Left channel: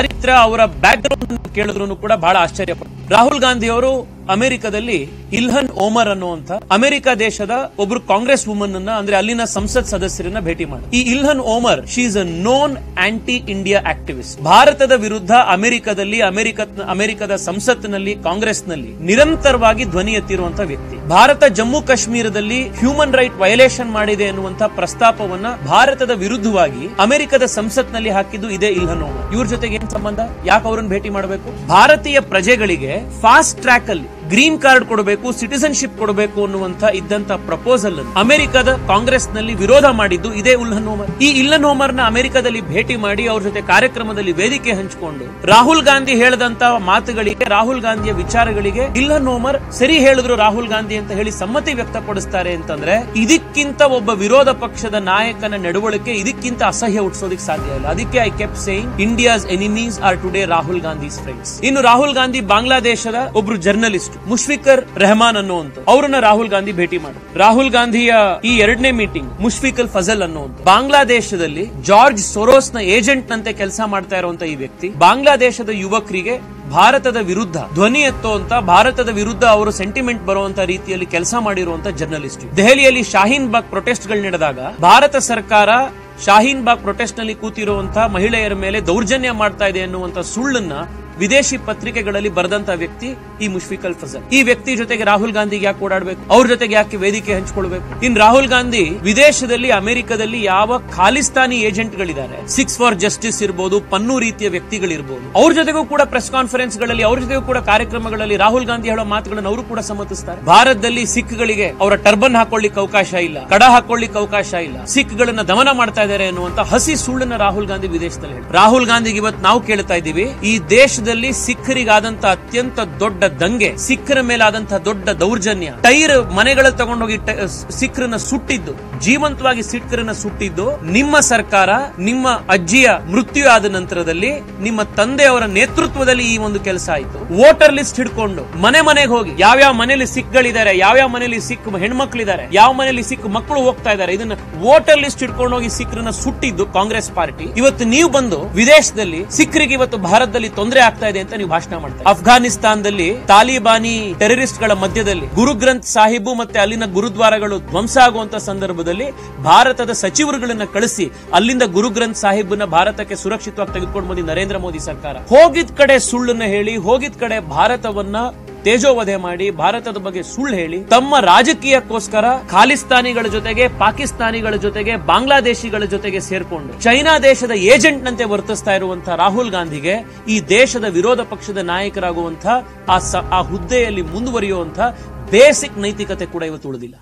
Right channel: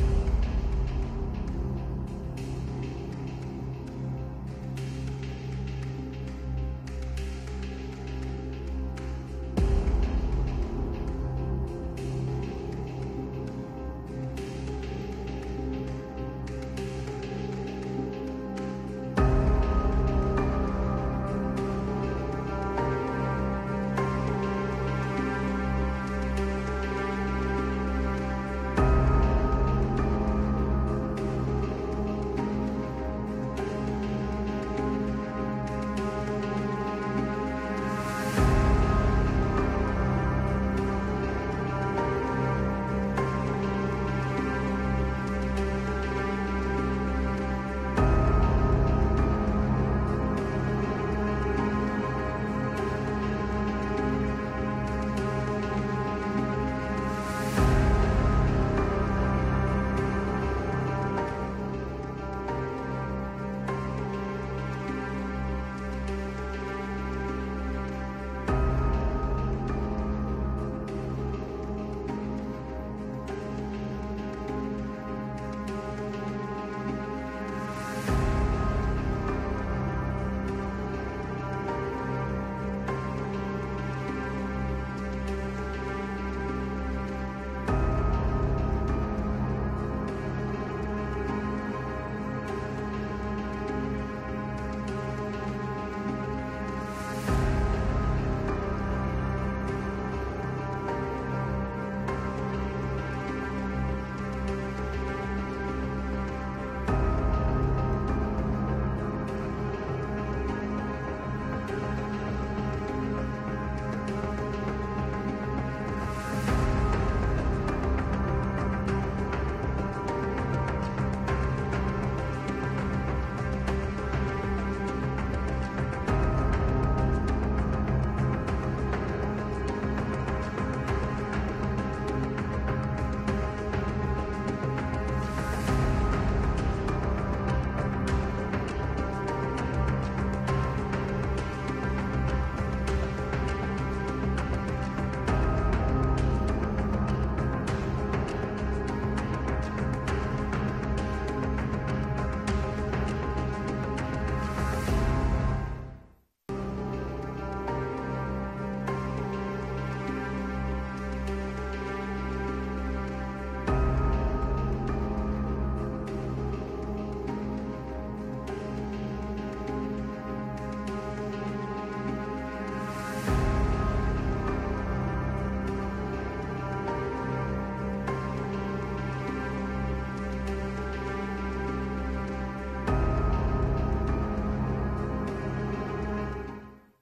ಚಾರಿತ್ರ ಅವರ back ground ಕೇಳಿದ್ರು ಕೂಡ ಬಹಳ ಆಶ್ಚರ್ಯ ಪಡ್ತಾರೆ. ರಾಹುಲ್ ಗಾಂಧಿ ಅವರು ಅಮೆರಿಕದಲ್ಲಿ ಇಲ್ಹನ್ ಓಮರ್ ಅನ್ನುವಂತ ಅಮೆರಿಕ ದೇಶದ ಒಬ್ರು ಕಾಂಗ್ರೆಸ್ ವುಮನ್ ಅನ್ನ ಅಂದ್ರೆ ಅಲ್ಲಿನ ಸಂಸತ್ ಸದಸ್ಯರನ್ನ ಭೇಟಿ ಮಾಡಿ. ಈ Ilhan Omar she is a known anti India activist. ಭಾರತದ ವಿರುದ್ಧ ಅಮೆರಿಕದ ಸಂಸತ್ನಲ್ಲಿ ಕಾಂಗ್ರೆಸ್ನಲ್ಲಿ ನಿರಂತರವಾಗಿ ಧ್ವನಿ ಎತ್ತಿರುವಂತಹ ವ್ಯಕ್ತಿ. ಭಾರತ ಜಮ್ಮು ಕಾಶ್ಮೀರದಲ್ಲಿ ಹ್ಯೂಮನ್ ರೈಟ್ ವೈಲೇಷನ್ ಮಾಡಿದೆ ಎನ್ನುವಂತ ಪ್ರಸ್ತಾಪವನ್ನ ಭಾರತದ ವಿರುದ್ಧವಾಗಿ ಅಮೆರಿಕದ ಸಂಸತ್ನಲ್ಲಿ ಹಾಕಿದ್ದು ಇದೇ ಇಲ್ಹನ್ ಓಮರ್. ಇವ್ರ ಜೊತೆಗೆ ಏನ್ ಸಂಬಂಧ? ಯಾಕೆ ಅವ್ರನ್ನ ಭೇಟಿ ಮಾಡಬೇಕು? ಭಾರತೀಯ ಪ್ರಜೆಗಳಿಗೆ ಫಾಸ್ಟ್ ಟ್ರ್ಯಾಕ್ ಅಲ್ಲಿ ಗ್ರೀನ್ ಕಾರ್ಡ್ ಕೊಡಬೇಕು, ಸಿಟಿಸನ್ಶಿಪ್ ಕೊಡಬೇಕು ಅನ್ನುವಂತ ಇದ್ದಂತ ಪ್ರಪೋಸಲ್ ಅಮೆರಿಕದ ಕಾಂಗ್ರೆಸ್ ನಲ್ಲಿ ವಿರೋಧ ಮಾಡಿದ್ದು ಇದೇ ಇಲ್ಹನ್ ಓಮರ್. ಈ ಇಲ್ಹನ್ ಓಮರ್ ನ ಅಮೆರಿಕದಲ್ಲಿ ಭೇಟಿ ಮಾಡಿ ಅವ್ರ ಜೊತೆ ಕಾರ್ಯಕ್ರಮದಲ್ಲಿ ವೇದಿಕೆ ಹಂಚಿಕೊಂಡು ರಾಹುಲ್ ಗಾಂಧಿ ಹೇಳದಂತ ಮಾತುಗಳಿಗೆ, ರಾಹುಲ್ ಗಾಂಧಿಯ ವಿಚಾರಗಳಿಗೆ ಇಲ್ಹನ್ ಓಮರ್ ಸರಿ ಹೇಳಿದ್ರು ರಾಹುಲ್ ಗಾಂಧಿ ಅಂತ ಹೇಳಿ ಸಮ್ಮತಿ ವ್ಯಕ್ತಪಡಿಸ್ತಾರೆ ಅಂತಂದ್ರೆ ಇದಕ್ಕಿಂತ ಒಬ್ಬ ವಿರೋಧ ಪಕ್ಷದ ನಾಯಕನ ನಡವಳಿಕೆ ಇದಕ್ಕಿಂತ ಅಸಹ್ಯ ಹುಟ್ಟಿಸೋದಕ್ಕೆ ಸಾಧ್ಯ ಇಲ್ಲ. ಅದಕ್ಕೆ I keep saying India's enemies are today Rahul Gandhi's friends. ಇನ್ನು ರಾಹುಲ್ ಗಾಂಧಿ ಬಾಂಗ್ಲಾದೇಶದ ಒಬ್ರು ಜರ್ನಲಿಸ್ಟ್ ಮುಷ್ಫಿಕರ್ ರೆಹಮಾನ್ ಅನ್ನುವಂತ ಅವರನ್ನ ರಾಹುಲ್ ಗಾಂಧಿ ಭೇಟಿ ಮಾಡಿ. ರಾಹುಲ್ ಗಾಂಧಿಯ ಈ ಎರಡನೇ ಮೀಟಿಂಗ್ ಮುಷ್ಫಿಕ್ ಅಲ್ ಫಜಲ್ ಅನ್ನುವಂತ ಬಾಂಗ್ಲಾದೇಶದಲ್ಲಿ ಜಾರ್ಜ್ ಸೊರೋಸ್ ನ ಏಜೆಂಟ್ ನಂತೆ ಕೆಲಸ ಮಾಡ್ತಾ ಇರುವಂತ ಈ ವ್ಯಕ್ತಿ ಬಾಂಗ್ಲಾದೇಶದ ಯುವಕರಿಗೆ ಭಾರತದ ವಿರುದ್ಧ ಧ್ವನಿ ಎತ್ತುವಂತ, ಭಾರತದ ವಿರುದ್ಧ ಅವರು ಸೆಂಟಿಮೆಂಟ್ ಬರುವಂತ ರೀತಿಯಲ್ಲಿ ಕೆಲಸ ಮಾಡಿರುವಂತ ಜರ್ನಲಿಸ್ಟ್. ದೆಹಲಿಯಲ್ಲಿ ಶಾಹೀನ್ ಬಾಗ್ ಪ್ರೊಟೆಸ್ಟ್ ಗಳು ನಡೆದಾಗ ಭಾರತ ಸರ್ಕಾರ ಶಾಹೀನ್ ಬಾಗ್ ಪ್ರೊಟೆಸ್ಟ್ ನಲ್ಲಿ ಕೂತಿರುವಂತಹ ಮಹಿಳೆಯರ ಮೇಲೆ ದೌರ್ಜನ್ಯ ಮಾಡ್ತಾ ಇದೆ ಅನ್ನುವಂತ ಸುಳ್ಳನ್ನ ವಿದೇಶಿ ಪತ್ರಿಕೆಗಳಲ್ಲಿ ಬರೆದಂತ ವ್ಯಕ್ತಿ ಈ ಮುಷ್ಫಿಕ್ ಅಲ್ ಫಜಲ್. ಈ ವ್ಯಕ್ತಿ ಜೊತೆಗೆ ರಾಹುಲ್ ಗಾಂಧಿಗೆ ಯಾಕೆ ಓಡಾಡಬೇಕು? ಅವ್ರ ಜೊತೆಗೆ ಯಾಕೆ ವೇದಿಕೆ ಹಂಚಿಕೊಳ್ಬೇಕು? ಇನ್ ರಾಹುಲ್ ಗಾಂಧಿ ವಿದೇಶದಲ್ಲಿ ಅಮೆರಿಕದಲ್ಲಿ ಯಾವ ಖಾಲಿಸ್ತಾನಿ ಏಜೆಂಟ್ ಗಳಿದ್ದಾರೆ, ಸಿಕ್ಸ್ ಫಾರ್ ಜಸ್ಟಿಸ್ ಇರಬಹುದು, ಪನ್ನು ರೀತಿಯ ವ್ಯಕ್ತಿಗಳಿರ್ಬೋದು, ಅವ್ರ ಜೊತೆಗೂ ಕೂಡ ಪ್ರೆಸ್ ಕಾನ್ಫರೆನ್ಸ್ ಗಳಲ್ಲಿ, ಅವ್ರ ಜೊತೆಗೂ ಕೂಡ ಕಾರ್ಯಕ್ರಮಗಳಲ್ಲಿ ರಾಹುಲ್ ಗಾಂಧಿ ಹೇಳೋ ಮಾತುಗಳನ್ನು ಅವರು ಕೂಡ ಸಮ್ಮತಿಸ್ತಾರೆ. ಭಾರತದಲ್ಲಿ ಸಿಖ್ ಗಳಿಗೆ ಅವರ ಟರ್ಬನ್ ಹಾಕೊಳ್ಳಿಕ್ಕೆ ಅವಕಾಶ ಇಲ್ಲ, ಕಡ ಹಾಕೊಳ್ಳಿಕ್ಕೆ ಅವಕಾಶ ಇಲ್ಲ, ಸಿಖ್ ಗಳನ್ನ ದಮನ ಮಾಡ್ತಾ ಇದ್ದಾರೆ ಅನ್ನುವಂತ ಹಸಿ ಸುಳ್ಳನ್ನ ರಾಹುಲ್ ಗಾಂಧಿ ವಿದೇಶದಲ್ಲಿ. ರಾಹುಲ್ ಗಾಂಧಿಗೆ ಇವತ್ತು ನಾವು ಕೇಳ್ತಾ ಇದ್ದೀವಿ, ಈ ದೇಶದ ಸಿಖ್ಖರಿಗಾದಂತ ಅತ್ಯಂತ ದೊಡ್ಡ ದಂಗೆ, ಸಿಖ್ಖರ ಮೇಲಾದಂತಹ ದೊಡ್ಡ ದೌರ್ಜನ್ಯ, ಟೈರ್ ಮನೆಗಳ ತಗೊಂಡೋಗಿ ಸಿಖ್ಖರನ್ನ ಸುಟ್ಟಿದ್ದು, ಜೀವಂತವಾಗಿ ಸಿಖ್ಖರನ್ನ ಸುಟ್ಟಿದ್ದು ನಿಮ್ಮ ಸರ್ಕಾರ, ನಿಮ್ಮ ಅಜ್ಜಿಯ ಮೃತ್ಯು ಆದ ನಂತರದಲ್ಲಿ ನಿಮ್ಮ ತಂದೆಯವರ ನೇತೃತ್ವದಲ್ಲಿ ಈ ಒಂದು ಕೆಲಸ ಆಯಿತು. ವೋಟರ್ ಲಿಸ್ಟ್ ಹಿಡ್ಕೊಂಡು ಮನೆ ಮನೆಗೆ ಹೋಗಿ ಯಾವ್ಯಾವ ಮನೆಯಲ್ಲಿ ಸಿಖ್ಗಳಿದ್ದಾರೆ, ಯಾವ್ಯಾವ ಮನೆಯಲ್ಲಿ ಸಿಖ್ ಹೆಣ್ಮಕ್ಳಿದ್ದಾರೆ, ಯಾವ ಮನೆಯಲ್ಲಿ ಸಿಖ್ ಮಕ್ಕಳು ಹೋಗ್ತಾ ಇದ್ದಾರೆ, ಇದನ್ನ ವೋಟರ್ ಲಿಸ್ಟ್ ಹಿಡ್ಕೊಂಡು ಹೋಗಿ ಸಿಖ್ರನ್ನ ಸುಟ್ಟಿದ್ದು ಕಾಂಗ್ರೆಸ್ ಪಾರ್ಟಿ. ಇವತ್ತು ನೀವು ಬಂದು ವಿದೇಶದಲ್ಲಿ ಸಿಖ್ರಿಗೆ ಇವತ್ತು ಭಾರತದಲ್ಲಿ ತೊಂದರೆ ಆಗ್ತಾ ಇದೆ ಅಂತ ನೀವು ಭಾಷಣ ಮಾಡ್ತಾರೆ. ಅಫ್ಘಾನಿಸ್ತಾನದಲ್ಲಿ ತಾಲಿಬಾನಿ ಟೆರರಿಸ್ಟ್ ಗಳ ಮಧ್ಯದಲ್ಲಿ ಗುರು ಗ್ರಂಥ್ ಸಾಹಿಬ್ ಮತ್ತೆ ಅಲ್ಲಿನ ಗುರುದ್ವಾರಗಳು ಧ್ವಂಸ ಆಗುವಂತ ಸಂದರ್ಭದಲ್ಲಿ ಭಾರತದ ಸಚಿವರುಗಳನ್ನ ಕಳಿಸಿ ಅಲ್ಲಿಂದ ಗುರು ಗ್ರಂಥ್ ಸಾಹಿಬ್ನ ಭಾರತಕ್ಕೆ ಸುರಕ್ಷಿತವಾಗಿ ತೆಗೆದುಕೊಂಡು ಬಂದಿ ನರೇಂದ್ರ ಮೋದಿ ಸರ್ಕಾರ. ಹೋಗಿದ್ ಕಡೆ ಸುಳ್ಳನ್ನ ಹೇಳಿ, ಹೋಗಿದ್ ಕಡೆ ಭಾರತವನ್ನ ತೇಜೋವಧೆ ಮಾಡಿ, ಭಾರತದ ಬಗ್ಗೆ ಸುಳ್ಳು ಹೇಳಿ ತಮ್ಮ ರಾಜಕೀಯಕ್ಕೋಸ್ಕರ ಖಾಲಿಸ್ತಾನಿಗಳ ಜೊತೆಗೆ, ಪಾಕಿಸ್ತಾನಿಗಳ ಜೊತೆಗೆ, ಬಾಂಗ್ಲಾದೇಶಿಗಳ ಜೊತೆಗೆ ಸೇರ್ಕೊಂಡು ಚೈನಾ ದೇಶದ ಏಜೆಂಟ್ ನಂತೆ ವರ್ತಿಸ್ತಾ ಇರುವಂತಹ ರಾಹುಲ್ ಗಾಂಧಿಗೆ ಈ ದೇಶದ ವಿರೋಧ ಪಕ್ಷದ ನಾಯಕರಾಗುವಂತಹ ಆ ಹುದ್ದೆಯಲ್ಲಿ ಮುಂದುವರಿಯುವಂತಹ ಬೇಸಿಕ್ ನೈತಿಕತೆ ಕೂಡ ಇವತ್ತು ಉಳಿದಿಲ್ಲ.